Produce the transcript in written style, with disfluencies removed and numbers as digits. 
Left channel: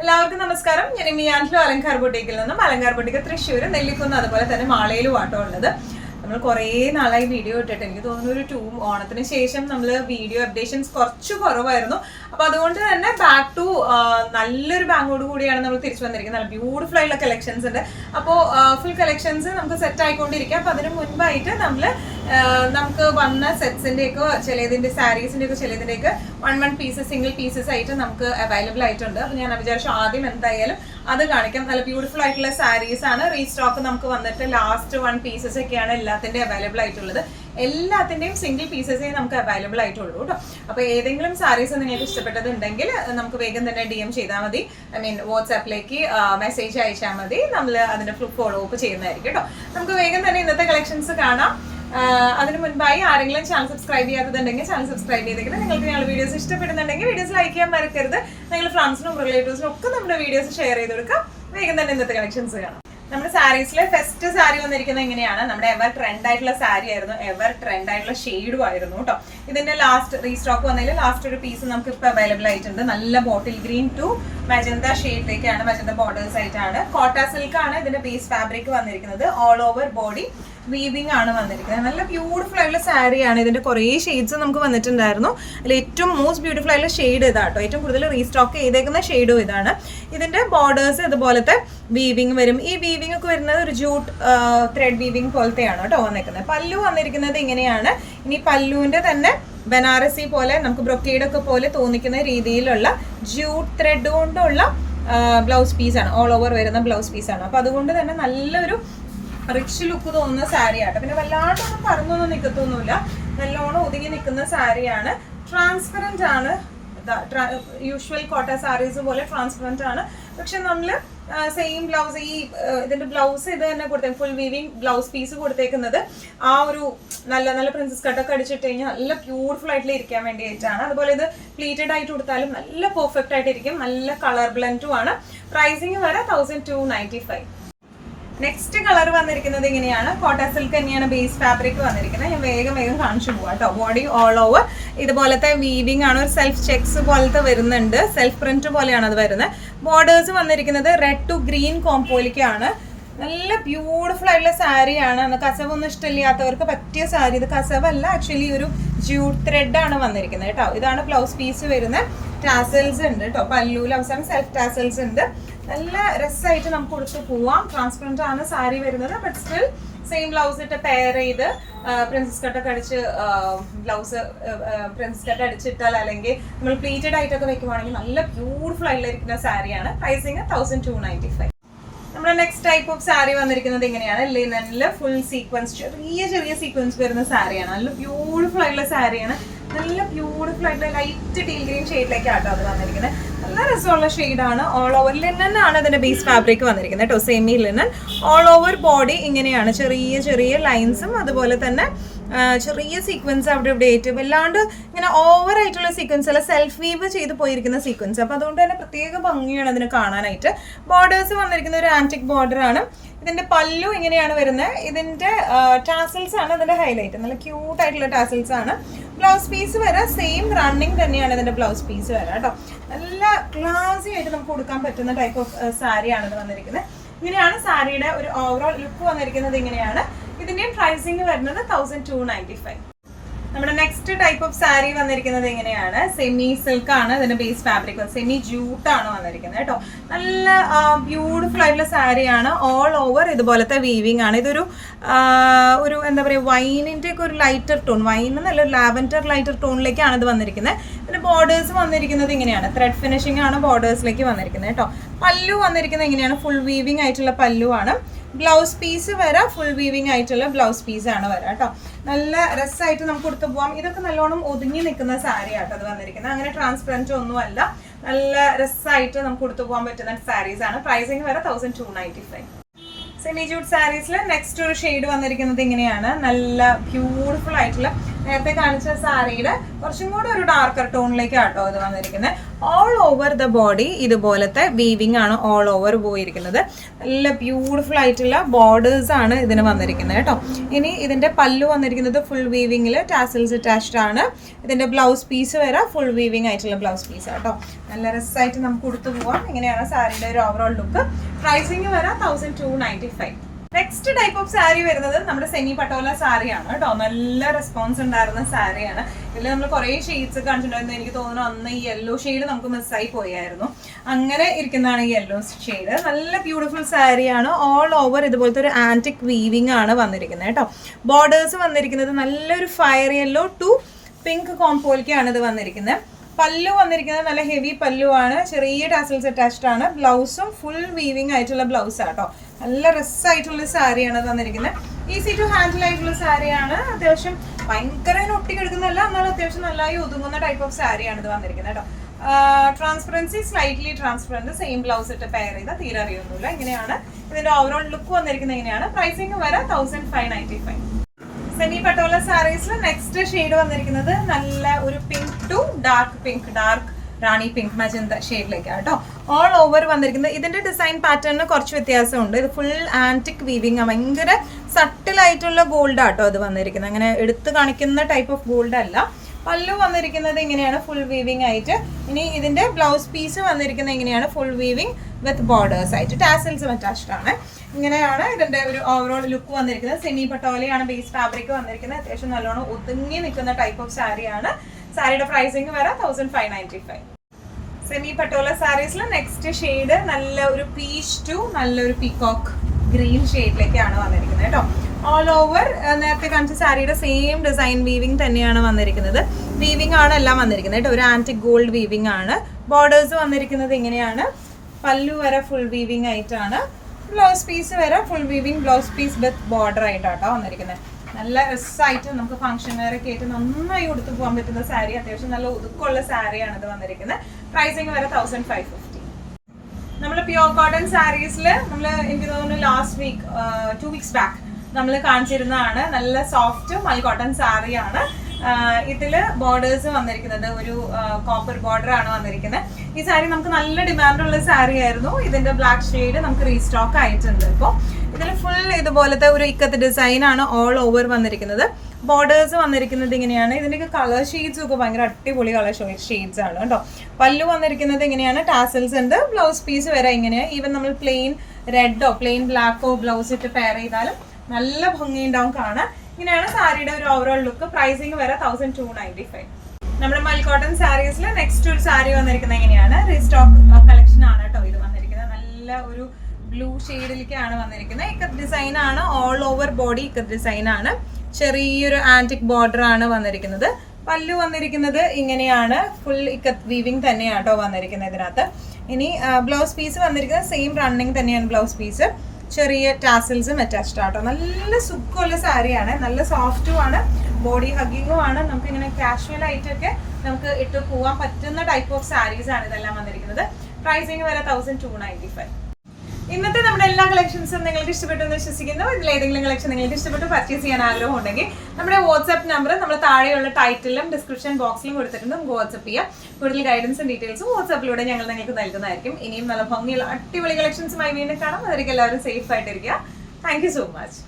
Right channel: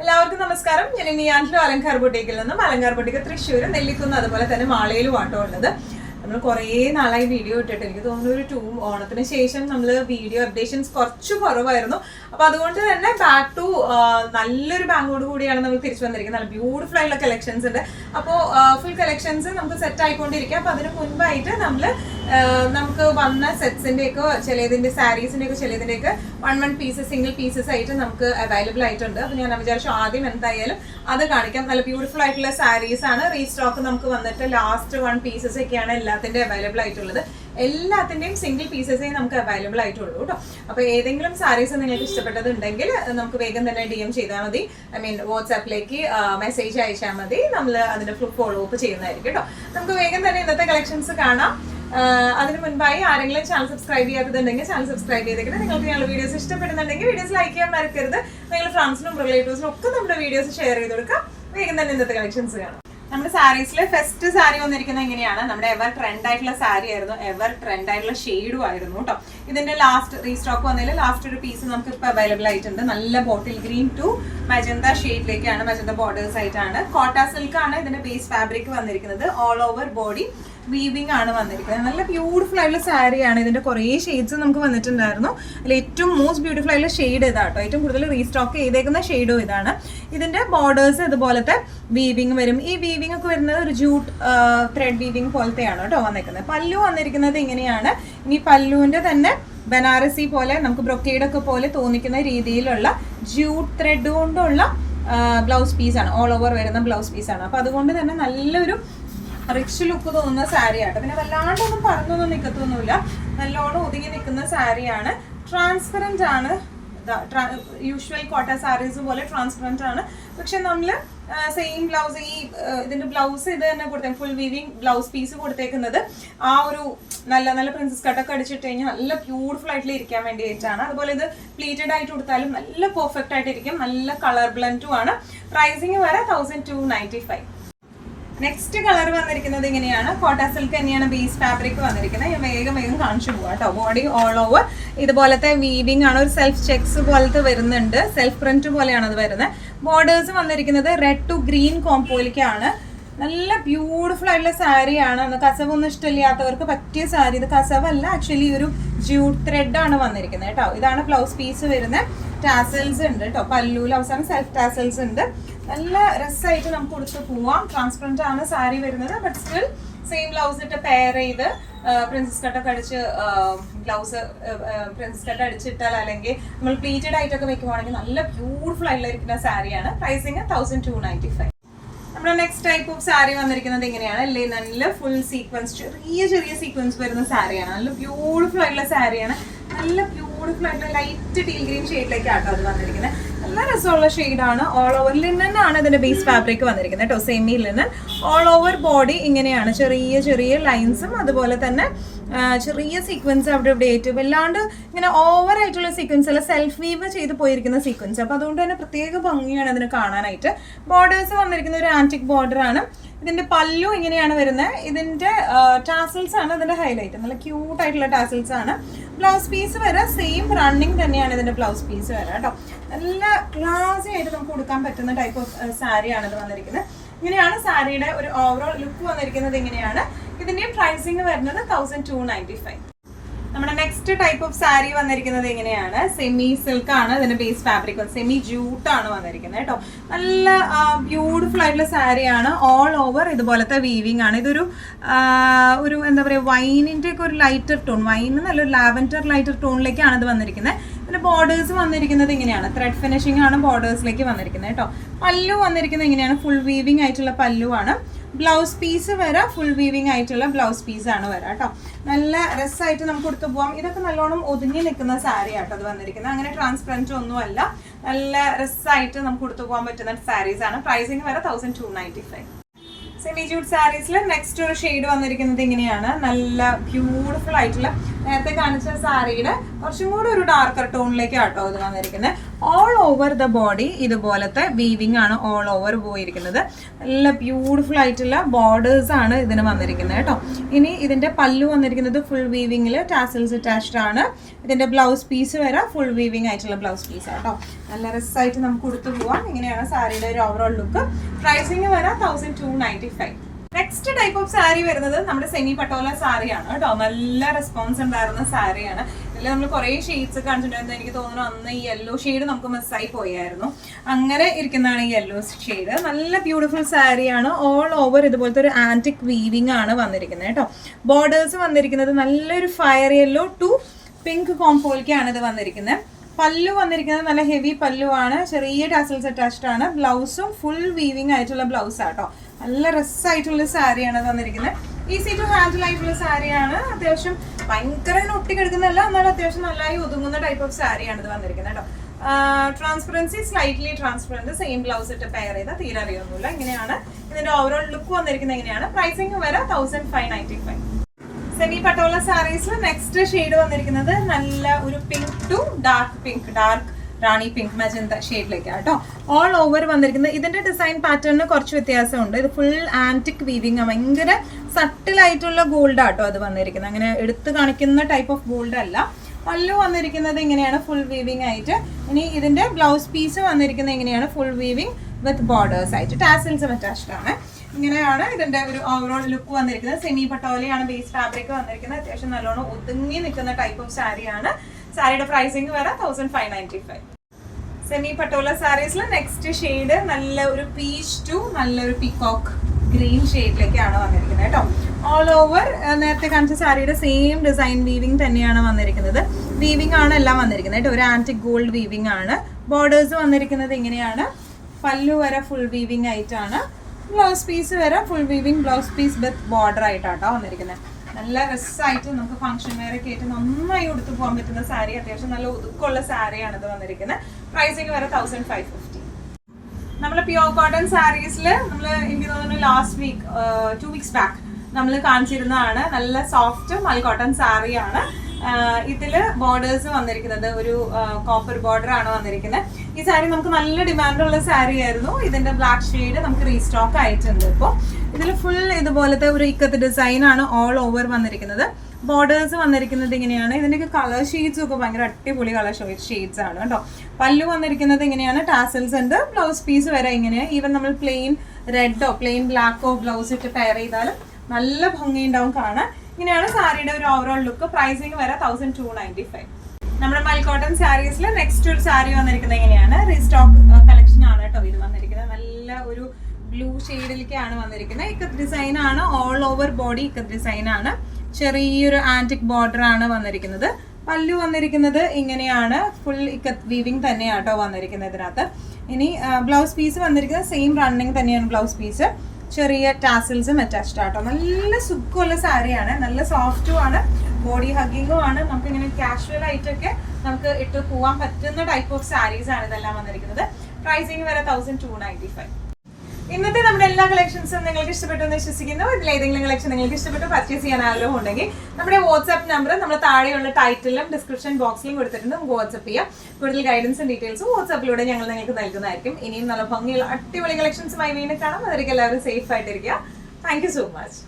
എല്ലാവർക്കും നമസ്കാരം. ഞാൻ മിയാൻഡിലോ അലങ്കാർ ബൊട്ടീക്കിൽ നിന്നും അലങ്കാർ ബൊട്ടീക്ക് തൃശ്ശൂർ നെല്ലിക്കുന്ന് അതുപോലെ തന്നെ മാളയിലും ആട്ടോ ഉള്ളത്. നമ്മൾ കുറേ നാളായി വീഡിയോ ഇട്ടിട്ട് എനിക്ക് തോന്നുന്നു ഒരു ഓണത്തിന് ശേഷം നമ്മൾ വീഡിയോ അപ്ഡേഷൻസ് കുറച്ച് കുറവായിരുന്നു. അപ്പോൾ അതുകൊണ്ട് തന്നെ ബാക്ക് ടു നല്ലൊരു ബാങ്കോട് കൂടിയാണ് നമ്മൾ തിരിച്ചു വന്നിരിക്കുന്നത്. നല്ല ബ്യൂട്ടിഫുൾ ആയിട്ടുള്ള കളക്ഷൻസ് ഉണ്ട്. അപ്പോൾ ഫുൾ കളക്ഷൻസ് നമുക്ക് സെറ്റ് ആയിക്കൊണ്ടിരിക്കുക. അപ്പോൾ അതിന് മുൻപായിട്ട് നമുക്ക് വന്ന സെറ്റ്സിൻ്റെയൊക്കെ ചിലതിൻ്റെ സാരീസിൻ്റെയൊക്കെ ചിലതിൻ്റെയൊക്കെ 1 പീസസ് സിംഗിൾ പീസസ് ആയിട്ട് നമുക്ക് അവൈലബിൾ ആയിട്ടുണ്ട്. അപ്പോൾ ഞാൻ വിചാരിച്ചു ആദ്യം എന്തായാലും അത് കാണിക്കാം. നല്ല ബ്യൂട്ടിഫുൾ ആയിട്ടുള്ള സാരീസ് ആണ്. റീസ്റ്റോക്ക് നമുക്ക് വന്നിട്ട് ലാസ്റ്റ് 1 പീസസ് ഒക്കെയാണ് എല്ലാത്തിൻ്റെയും അവൈലബിൾ ആയിട്ടുള്ളത്. എല്ലാത്തിൻ്റെയും സിംഗിൾ പീസസേ നമുക്ക് അവൈലബിൾ ആയിട്ടുള്ളൂ കേട്ടോ. അപ്പോൾ ഏതെങ്കിലും സാരീസ് നിങ്ങൾക്ക് ഇഷ്ടപ്പെട്ടതുണ്ടെങ്കിൽ നമുക്ക് വേഗം തന്നെ DM ചെയ്താൽ മതി. വാട്സാപ്പിലേക്ക് മെസ്സേജ് അയച്ചാൽ മതി. നമ്മൾ അതിൻ്റെ ഫോളോ അപ്പ് ചെയ്യുന്നതായിരിക്കും കേട്ടോ. നമുക്ക് വേഗം തന്നെ ഇന്നത്തെ കളക്ഷൻസ് കാണാം. അതിന് മുൻപായി ആരെങ്കിലും ചാനൽ സബ്സ്ക്രൈബ് ചെയ്യാത്തതുണ്ടെങ്കിൽ ചാനൽ സബ്സ്ക്രൈബ് ചെയ്തേക്കുന്നത്. നിങ്ങൾക്ക് ഞങ്ങളുടെ വീഡിയോസ് ഇഷ്ടപ്പെടുന്നുണ്ടെങ്കിൽ വീഡിയോസ് ലൈക്ക് ചെയ്യാൻ മറക്കരുത്. നിങ്ങൾ ഫ്രണ്ട്സിനും റിലേറ്റീവ്സിനും ഒക്കെ നമ്മുടെ വീഡിയോസ് ഷെയർ ചെയ്ത് കൊടുക്കാം. വേഗം തന്നെ ഇന്നത്തെ കളക്ഷൻസ് കാണാം. നമ്മുടെ സാരീസിലെ ഫസ്റ്റ് സാരി വന്നിരിക്കുന്നത് എങ്ങനെയാണ്? നമ്മുടെ എവർ ട്രെൻഡ് ആയിട്ടുള്ള സാരി ആയിരുന്നു. എവർ ട്രെൻഡ് ആയിട്ടുള്ള ഷെയ്ഡും ആയിരുന്നു കേട്ടോ. ഇതിന്റെ ലാസ്റ്റ് റീസ്റ്റോക്ക് വന്നതിൽ ലാസ്റ്റ് ഒരു പീസ് നമുക്ക് ഇപ്പോൾ അവൈലബിൾ ആയിട്ടുണ്ട്. നല്ല ബോട്ടിൽ ഗ്രീൻ ടു മജന്ത ഷെയ്ഡിലേക്കാണ്, മജന്ത ബോർഡേഴ്സ് ആയിട്ടാണ്. കോട്ട സിൽക്ക് ആണ് ഇതിന്റെ ബേസ് ഫാബ്രിക് വന്നിരിക്കുന്നത്. ഓൾ ഓവർ ബോഡി വീവിംഗ് ആണ് വന്നിരിക്കുന്നത്. നല്ല ബ്യൂട്ടിഫുൾ ആയിട്ടുള്ള സാരിയാണ്. ഇതിന്റെ കുറേ ഷെയ്ഡ്സ് നമുക്ക് വന്നിട്ടുണ്ടായിരുന്നു. അതിൽ ഏറ്റവും മോസ്റ്റ് ബ്യൂട്ടിഫുൾ ആയിട്ടുള്ള ഷെയ്ഡ് ഇതാട്ടോ. ഏറ്റവും കൂടുതൽ റീസ്റ്റോക്ക് ചെയ്തേക്കുന്ന ഷെയ്ഡും ഇതാണ്. ഇതിന്റെ ബോർഡേഴ്സ് ഇതുപോലത്തെ വീവിംഗ് വരും. ഈ വീവിംഗ് ഒക്കെ വരുന്നത് ഒരു ജൂട്ട് ത്രെഡ് വീവിംഗ് പോലത്തെയാണ് കേട്ടോ വന്നിരിക്കുന്നത്. പല്ലു വന്നിരിക്കുന്നത് ഇങ്ങനെയാണ്. ഇനി പല്ലുവിന്റെ തന്നെ ബനാറസി പോലെ നമുക്ക് ബ്രൊക്കേഡ് ഒക്കെ പോലെ തോന്നിക്കുന്ന രീതിയിലുള്ള ജൂട്ട് ത്രെഡ് കൊണ്ടുള്ള ബ്ലൗസ് പീസാണ്. ഓൾ ഓവർ വരുന്ന ബ്ലൗസ് പീസാണ്. അപ്പൊ അതുകൊണ്ട് തന്നെ നല്ലൊരു റിച്ച് ലുക്ക് തോന്നുന്ന സാരി ആട്ടോ. പിന്നെ വല്ലാണ്ടൊന്നും പറന്നൊന്നും നിൽക്കത്തൊന്നുമില്ല. നല്ലോണം ഒതുങ്ങി നിൽക്കുന്ന സാരിയാണ്. ട്രാൻസ്പെറന്റ് ആണ്. യൂഷ്വൽ കോട്ട സാരീസ് പോലെ ട്രാൻസ്പെറന്റ് ആണ്. പക്ഷെ നമ്മൾ സെയിം ബ്ലൗസ് ഇതിന്റെ ബ്ലൗസ് ഇത് തന്നെ കൊടുത്തേ ഫുൾ വീവിംഗ് ബ്ലൗസ് പീസ് കൊടുത്തേക്കുന്നത് ആ ഒരു നല്ല പ്രിൻസസ് കട്ടൊക്കെ അടിച്ചിട്ട് കഴിഞ്ഞാൽ നല്ല ബ്യൂട്ടിഫുൾ ആയിട്ടുള്ള ഇരിക്കാൻ വേണ്ടിയിട്ടാണ്. അതുപോലെ ഇത് പ്ലീറ്റഡ് ആയിട്ട് കൊടുത്താലും നല്ല പെർഫെക്റ്റ് ആയിട്ടിരിക്കും. നല്ല കളർ ബ്ലെൻഡും ആണ്. പ്രൈസിങ് വരെ 1295. നെക്സ്റ്റ് കളർ വന്നിരിക്കുന്നത് ഇങ്ങനെയാണ്. കോട്ട സിൽക്ക് തന്നെയാണ് ബേസ് ഫാബ്രിക് വന്നിരിക്കുന്നത്. ഞാൻ വേഗം കാണിച്ചു പോവാം കേട്ടോ. ബോഡി ഓൾ ഓവർ ഇതുപോലത്തെ വീവിംഗ് ആണ്. ഒരു സെൽഫ് ചെക്സ് പോലത്തെ വരുന്നുണ്ട്. സെൽഫ് പ്രിന്റ് പോലെയാണ് അത് വരുന്നത്. ബോർഡേഴ്സ് വന്നിരിക്കുന്നത് റെഡ് ടു ഗ്രീൻ കോംപോയിലേക്കാണ്. നല്ല ബ്യൂട്ടിഫുൾ ആയിട്ടുള്ള സാരിയാണ്. കസവൊന്നും ഇഷ്ടമില്ലാത്തവർക്ക് പറ്റിയ സാരി. ഇത് കസവല്ല, ആക്ച്വലി ഒരു ജൂട്ട് ത്രെഡ് ആണ് വന്നിരിക്കുന്നത് കേട്ടോ. ഇതാണ് ബ്ലൗസ് പീസ് വരുന്നത്. ടാസൽസ് ഉണ്ട് കേട്ടോ. പല്ലൂല് അവസാനം സെൽഫ് ടാസൽസ് ഉണ്ട്. നല്ല രസമായിട്ട് നമുക്ക് കൊടുത്ത് പോവാം. ട്രാൻസ്പെറന്റ് ആണ് സാരി വരുന്നത്. ബട്ട് സ്റ്റിൽ സെയിം ബ്ലൗസ് ഇട്ട് പെയർ ചെയ്ത് പ്രിൻസസ് കട്ടൊക്കെ അടിച്ച് ബ്ലൗസ് പ്രിൻസസ് കട്ട് അടിച്ചിട്ടാൽ അല്ലെങ്കിൽ നമ്മൾ പ്ലീറ്റഡ് ആയിട്ടൊക്കെ വെക്കുവാണെങ്കിൽ നല്ല ബ്യൂട്ടിഫുൾ ആയിട്ടുള്ള ഇരിക്കുന്ന സാരിയാണ്. പ്രൈസിങ് 1295. നമ്മുടെ നെക്സ്റ്റ് ടൈപ്പ് ഓഫ് സാരി വന്നിരിക്കുന്നത് എങ്ങനെയാണ്? ലിനനിൽ ഫുൾ സീക്വൻസ് ചെറിയ സീക്വൻസ് വരുന്ന സാരിയാണ്. നല്ല ബ്യൂട്ടിഫുൾ ആയിട്ടുള്ള സാരിയാണ്. നല്ല ബ്യൂട്ടിഫുൾ ആയിട്ടുള്ള ലൈറ്റ് ടീൽ ഗ്രീൻ ഷെയ്ഡിലേക്കാട്ടോ അത് വന്നിരിക്കുന്നത്. നല്ല രസമുള്ള ഷെയ്ഡാണ്. ഓൾ ഓവർ ലിനൻ ആണ് ഇതിന്റെ ബേസ് ഫാബ്രിക് വന്നിരിക്കുന്നത് കേട്ടോ. Semi linen. All over body ഇങ്ങനെയാണ്. ചെറിയ ലൈൻസും അതുപോലെ തന്നെ ചെറിയ സീക്വൻസ് അവിടെ ഇവിടെ ഏറ്റവും വല്ലാണ്ട് ഇങ്ങനെ ഓവർ ആയിട്ടുള്ള സീക്വൻസ് അല്ല, സെൽഫ് വീവ് ചെയ്ത് പോയിരിക്കുന്ന സീക്വൻസ്. അപ്പോൾ അതുകൊണ്ട് തന്നെ പ്രത്യേക ഭംഗിയാണ് ഇതിന് കാണാനായിട്ട്. ബോർഡേഴ്സ് വന്നിരിക്കുന്ന ഒരു ആന്റിക് ബോർഡർ ആണ്. ഇതിന്റെ പല്ലു ഇങ്ങനെയാണ് വരുന്നത്. ഇതിന്റെ ടാസൽസ് ആണ് ഇതിന്റെ ഹൈലൈറ്റ്. നല്ല ക്യൂട്ട് ആയിട്ടുള്ള ടാസൽസ് ആണ്. ബ്ലൗസ് പീസ് വരെ സെയിം റണ്ണിങ് തന്നെയാണ് ഇതിന്റെ ബ്ലൗസ് പീസ് വരെ കേട്ടോ. നല്ല ക്ലാസി ആയിട്ട് നമുക്ക് കൊടുക്കാൻ പറ്റുന്ന ടൈപ്പ് ഓഫ് സാരിയാണ് ഇത് വന്നിരിക്കുന്നത്. ഇങ്ങനെയാണ് സാരിയുടെ ഒരു ഓവറോൾ ലുക്ക് വന്നിരിക്കുന്നത്. ഇങ്ങനെയാണ് ഇതിന്റെ പ്രൈസിങ് വരുന്നത് 1295. നമ്മുടെ നെക്സ്റ്റ് ടൈപ്പ് ഓഫ് സാരി വന്നിരിക്കുന്നത് എങ്ങനെയാണ്? സെമി സിൽക്ക് ആണ് ഇതിന്റെ ബേസ് ഫാബ്രിക്. സെമി ജൂട്ട് ആണ് വന്നിരിക്കുന്നത് കേട്ടോ. നല്ല ബ്യൂട്ടിഫുൾ ആയിട്ടുള്ള സാരിയാണ്. ഓൾ ഓവർ ഇതുപോലത്തെ വീവിംഗ് ആണ്. ഇതൊരു എന്താ പറയുക, വൈനിന്റെ ഒക്കെ ഒരു ലൈറ്റർ ടോൺ, വൈൻ നല്ലൊരു ലാവൻഡർ ലൈറ്റർ ടോണിലേക്കാണ് ഇത് വന്നിരിക്കുന്നത്. പിന്നെ ബോർഡേഴ്സ് വന്നിരിക്കുന്നത് ഇങ്ങനെയാണ്. ത്രെഡ് ഫിനിഷിംഗ് ആണ് ബോർഡേഴ്സിലേക്ക് വന്നിരിക്കുന്നത് കേട്ടോ. പല്ലു വന്നിരിക്കുന്നത് ഇങ്ങനെയാണ്. ഫുൾ വീവിംഗ് ആയിട്ടുള്ള പല്ലു ആണ്. ബ്ലൗസ് പീസ് വരെ ഫുൾ വീവിംഗ് ആയിട്ടുള്ള ബ്ലൗസ് പീസ് ആണ് വരാം കേട്ടോ. നല്ല രസമായിട്ട് നമുക്ക് കൊടുത്തു പോവാം. ഇതൊക്കെ നല്ലോണം ഒതുങ്ങി നിൽക്കുന്ന സാരി ആട്ടോ അത് വന്നിരിക്കുന്നത്. അങ്ങനെ ട്രാൻസ്പെറന്റ് ഒന്നും അല്ല. നല്ല രസമായിട്ട് നമുക്ക് കൊടുത്തു പോകാൻ പറ്റുന്ന സാരീസ് ആണ്. പ്രൈസിങ് വരെ 1295. സെമി ജൂട്ട് സാരീസിൽ നെക്സ്റ്റ് ഒരു ഷെയ്ഡ് വന്നിരിക്കുന്നത് ഇങ്ങനെയാണ്. നല്ല ബ്യൂട്ടിഫുൾ ആയിട്ടുള്ള നേരത്തെ കാണിച്ച സാരിയുടെ കുറച്ചും കൂടെ ഒരു ഡാർക്കർ ടോണിലേക്ക് ആട്ടോ ഇത് വന്നിരിക്കുന്നത്. ഓൾ ഓവർ ദ ബോഡി ഇതുപോലത്തെ വീവിങ് ആണ് ഓൾ ഓവർ പോയിരിക്കുന്നത്. നല്ല ബ്യൂട്ടിഫുൾ ആയിട്ടുള്ള ബോർഡേഴ്സ് ആണ് ഇതിന് വന്നിരിക്കുന്നത് കേട്ടോ. ഇനി ഇതിന്റെ പല്ലു വന്നിരിക്കുന്നത് ഫുൾ വീവിങ്ങിൽ ടാസൽസ് അറ്റാച്ച്ഡ് ആണ്. ഇതിന്റെ ബ്ലൗസ് പീസ് വരെ ഫുൾ വീവിങ് ആയിട്ടുള്ള ബ്ലൗസ് പീസ് ആട്ടോ. നല്ല രസമായിട്ട് നമുക്ക് കൊടുത്തു പോവാം. ഇങ്ങനെയാണ് സാരിയുടെ ഒരു ഓവറോൾ ലുക്ക്. പ്രൈസിങ് വരാം 1295. നെക്സ്റ്റ് ടൈപ്പ് ഓഫ് സാരി വരുന്നത് നമ്മുടെ സെമി പട്ടോല സാരിയാണ് കേട്ടോ. നല്ല റെസ്പോൺസ് ഉണ്ടായിരുന്ന സാരിയാണ്. ഇതിൽ നമ്മൾ കുറേ ഷെയ്ഡ്സ് കാണിച്ചിട്ടുണ്ടായിരുന്നു. എനിക്ക് തോന്നുന്നു അന്ന് ഈ യെല്ലോ ഷെയ്ഡ് നമുക്ക് മിസ്സായി പോയായിരുന്നു. അങ്ങനെ ഇരിക്കുന്നതാണ് ഈ യെല്ലോ ഷെയ്ഡ്. നല്ല ബ്യൂട്ടിഫുൾ സാരിയാണ്. ഓൾ ഓവർ ഇതുപോലത്തെ ഒരു ആന്റിക് വീവിംഗ് ആണ് വന്നിരിക്കുന്നത് കേട്ടോ. ബോർഡേഴ്സ് വന്നിരിക്കുന്നത് നല്ലൊരു ഫയർ യെല്ലോ ടു പിങ്ക് കോംപോയിലേക്കാണ് ഇത് വന്നിരിക്കുന്നത്. പല്ലു വന്നിരിക്കുന്നത് നല്ല ഹെവി പല്ലുവാണ്. ചെറിയ ടാസൽസ് അറ്റാച്ച്ഡ് ആണ്. ബ്ലൗസും ഫുൾ വീവിംഗ് ആയിട്ടുള്ള ബ്ലൗസ് ആട്ടോ. നല്ല രസമായിട്ടുള്ള സാരിയാണ് വന്നിരിക്കുന്നത്. ഈസി ടു ഹാൻഡിൽ ആയിട്ടുള്ള സാരിയാണ്. അത്യാവശ്യം ഭയങ്കര ഒട്ടിക്കെടുക്കുന്നതല്ല, എന്നാൽ അത്യാവശ്യം നന്നായി ഒതുങ്ങുന്ന ടൈപ്പ് ഓഫ് സാരിയാണ് ഇത് വന്നിരിക്കുന്നത് കേട്ടോ. Transparency slightly transparent, same blouse ഇട്ട് പെയർ ചെയ്താൽ തീരെ അറിയൊന്നുമില്ല. ഇങ്ങനെയാണ് ഇതിന്റെ ഓവറോൾ ലുക്ക് വന്നിരിക്കുന്നത്. ഇങ്ങനെയാണ്. പ്രൈസിങ് വരെ 1595. സെമി പട്ടോല സാരീസിൽ നെക്സ്റ്റ് ഷെയ്ഡ് വന്നിരിക്കുന്നത് നല്ല ഒരു pink to dark rani pink magenta ഷെയ്ഡിലേക്കാണ് കേട്ടോ. ഓൾ ഓവർ വന്നിരിക്കുന്നത്. ഇതിന്റെ ഡിസൈൻ പാറ്റേണിന് കുറച്ച് വ്യത്യാസമുണ്ട്. ഇത് ഫുൾ ആന്റിക് വീവിങ്, ഭയങ്കര സട്ടിൽ ആയിട്ടുള്ള ഗോൾഡ് ആട്ടോ ഇത് വന്നിരിക്കുന്നത്. അങ്ങനെ എടുത്ത് കാണിക്കുന്ന ടൈപ്പ് ഓഫ് ഗോൾഡ് അല്ല. പല്ലു വന്നിരിക്കുന്നത് ഇങ്ങനെയാണ്, ഫുൾ വീവിങ് ആയിട്ട്. ഇനി ഇതിന്റെ ബ്ലൗസ് പീസ് വന്നിരിക്കുന്നത് ഇങ്ങനെയാണ്, ഫുൾ വീവിങ് വിത്ത് ബോർഡേഴ്സ് ആയിട്ട്. ടാസൽസും അറ്റാച്ച്ഡ് ആണ്. ഇങ്ങനെയാണ് ഇതിന്റെ ഒരു ഓവറോൾ ലുക്ക് വന്നിരിക്കുന്നത്. സെമി പട്ടോലയാണ് ബേസ് ഫാബ്രിക് വന്നിരിക്കുന്നത്. അത്യാവശ്യം നല്ലോണം ഒതുങ്ങി നിൽക്കുന്ന ടൈപ്പ് ഓഫ് സാരിയാണ്. സാരിയുടെ പ്രൈസിങ് വരെ 1595. സെമി പട്ടോല സാരീസിൽ നെക്സ്റ്റ് ഷെയ്ഡ് നല്ല ഒരു പീച്ച് ടു നല്ലൊരു പീകോക്ക് ഗ്രീൻ ഷെയ്ഡിലേക്കാണ് വന്നിരിക്കുന്നത് കേട്ടോ. ഓൾ ഓവർ നേരത്തെ കാണിച്ച സാരിയുടെ സെയിം ഡിസൈൻ വീവിംഗ് തന്നെയാണ് വന്നിരിക്കുന്നത്. വീവിംഗ് ആണ് എല്ലാം വന്നിരിക്കുന്നത് കേട്ടോ. ഒരു ആന്റിക് ഗോൾഡ് വീവിംഗ് ആണ്. ബോർഡേഴ്സ് വന്നിരിക്കുന്നത് ഇങ്ങനെയാണ്. പല്ലു വരെ ഫുൾ വീവിംഗ് ആയിട്ടാണ്. ബ്ലൗസ് പീസ് വരെ full weaving blouse piece with border ആയിട്ടാട്ടോ വന്നിരിക്കുന്നത്. നല്ല രസമായിട്ട് നമുക്ക് ഫംഗ്ഷൻ വെയറൊക്കെ ആയിട്ട് നന്നായി ഉടുത്തു പോകാൻ പറ്റുന്ന സാരി. അത്യാവശ്യം നല്ല ഒതുക്കമുള്ള സാരിയാണ് ഇത് വന്നിരിക്കുന്നത്. പ്രൈസിങ് വരെ 1550. നമ്മൾ പ്യോർ കോട്ടൺ സാരീസിൽ നമ്മൾ എനിക്ക് തോന്നുന്നു ലാസ്റ്റ് വീക്ക് 2 weeks ബാക്ക് നമ്മൾ കാണിച്ചിരുന്നതാണ്. നല്ല സോഫ്റ്റ് മൽ കോട്ടൺ സാരിയാണ്. ഇതില് ബോർഡേഴ്സ് വന്നിരിക്കുന്നത് ഒരു കോപ്പർ ബോർഡർ ആണ് വന്നിരിക്കുന്നത്. ഈ സാരി നമുക്ക് നല്ല ഡിമാൻഡുള്ള സാരി ആയിരുന്നു. ഇതിന്റെ ബ്ലാക്ക് ഷെയ്ഡ് നമുക്ക് റീസ്റ്റോക്ക് ആയിട്ടുണ്ട്. ഇപ്പോൾ ഇതിൽ ഫുൾ ഇതുപോലത്തെ ഒരു ഇക്കത്ത് ഡിസൈൻ ആണ് ഓൾ ഓവർ വന്നിരിക്കുന്നത്. ബോർഡേഴ്സ് വന്നിരിക്കുന്നത് ഇങ്ങനെയാണ്. ഇതിന്റെ കളർ ഷെയ്ഡ്സും ഒക്കെ ഭയങ്കര അടിപൊളി കളർ ഷെയ്ഡ്സ് ആണ് കേട്ടോ. പല്ലു വന്നിരിക്കുന്നത് ഇങ്ങനെയാണ്. ടാസൽസ് ഉണ്ട്. ബ്ലൗസ് പീസ് വരെ ഇങ്ങനെയാണ്. ഈവൻ നമ്മൾ പ്ലെയിൻ റെഡോ പ്ലെയിൻ ബ്ലാക്കോ ബ്ലൗസ് ഇട്ട് പെയർ ചെയ്താലും നല്ല ഭംഗി ഉണ്ടാവും കാണാൻ. ഇങ്ങനെയാണ് സാരിയുടെ ഒരു ഓവറോൾ ലുക്ക്. പ്രൈസിങ് വരെ 1295. നമ്മുടെ മൽ കോട്ടൺ സാരീസിൽ നെക്സ്റ്റ് ഒരു സാരി വന്നിരിക്കുന്നത് എങ്ങനെയാണ്, റീസ്റ്റോക്ക് കളക്ഷൻ ആണ് കേട്ടോ ഇത് വന്നിരിക്കുന്നത്. നല്ല ഒരു ബ്ലൂ ഷെയ്ഡിലേക്കാണ് വന്നിരിക്കുന്നത്. ഇക്കത്ത് ഡിസൈൻ ആണ്. All over body ikat design ആണ്. ചെറിയൊരു ആന്റിക് ബോർഡർ ആണ് വന്നിരിക്കുന്നത്. പല്ലു വന്നിരിക്കുന്നത് ഇങ്ങനെയാണ്. ഫുൾ ഇക്കത്ത് വീവിംഗ് തന്നെയാണ് കേട്ടോ വന്നിരിക്കുന്നത് ഇതിനകത്ത്. ഇനി ബ്ലൗസ് പീസ് വന്നിരിക്കുന്നത് സെയിം റണ്ണിങ് തന്നെയാണ് ബ്ലൗസ് പീസ്. ചെറിയ ടാസൽസും അറ്റാച്ച്ഡ് ആട്ടോ. നല്ല സുഖമുള്ള സാരിയാണ്. നല്ല സോഫ്റ്റും ആണ്. ബോഡി ഹഗ്ഗിങ്ങും ആണ്. നമുക്ക് ഇങ്ങനെ കാഷ്വൽ ആയിട്ടൊക്കെ നമുക്ക് ഇട്ട് പോകാൻ പറ്റുന്ന ടൈപ്പ് ഓഫ് സാരീസ് ആണ് ഇതെല്ലാം വന്നിരിക്കുന്നത്. പ്രൈസിങ് വരെ 1295. ഇന്നത്തെ നമ്മുടെ എല്ലാ കളക്ഷൻസും നിങ്ങൾക്ക് ഇഷ്ടപ്പെട്ടു എന്ന് വിശ്വസിക്കുന്നു. ഇതിൽ ഏതെങ്കിലും കളക്ഷൻ നിങ്ങൾക്ക് ഇഷ്ടപ്പെട്ടു പർച്ചേസ് ചെയ്യാൻ ആഗ്രഹം ഉണ്ടെങ്കിൽ നമ്മുടെ വാട്സ്ആപ്പ് നമ്പർ നമ്മൾ താഴെയുള്ള ടൈറ്റിലും ഡിസ്ക്രിപ്ഷൻ ബോക്സിലും കൊടുത്തിട്ടുണ്ട്. നമുക്ക് വാട്സ്ആപ്പ് ചെയ്യാം. കൂടുതൽ ഗൈഡൻസും ഡീറ്റെയിൽസും വാട്സ്ആപ്പിലൂടെ ഞങ്ങൾ നിങ്ങൾക്ക് നൽകുന്നതായിരിക്കും. ഇനിയും നല്ല ഭംഗിയുള്ള അടിപൊളി കളക്ഷൻസുമായി വീണ്ടും കാണാം. അവർക്ക് എല്ലാവരും സേഫ് ആയിട്ടിരിക്കുക. Thank you so much.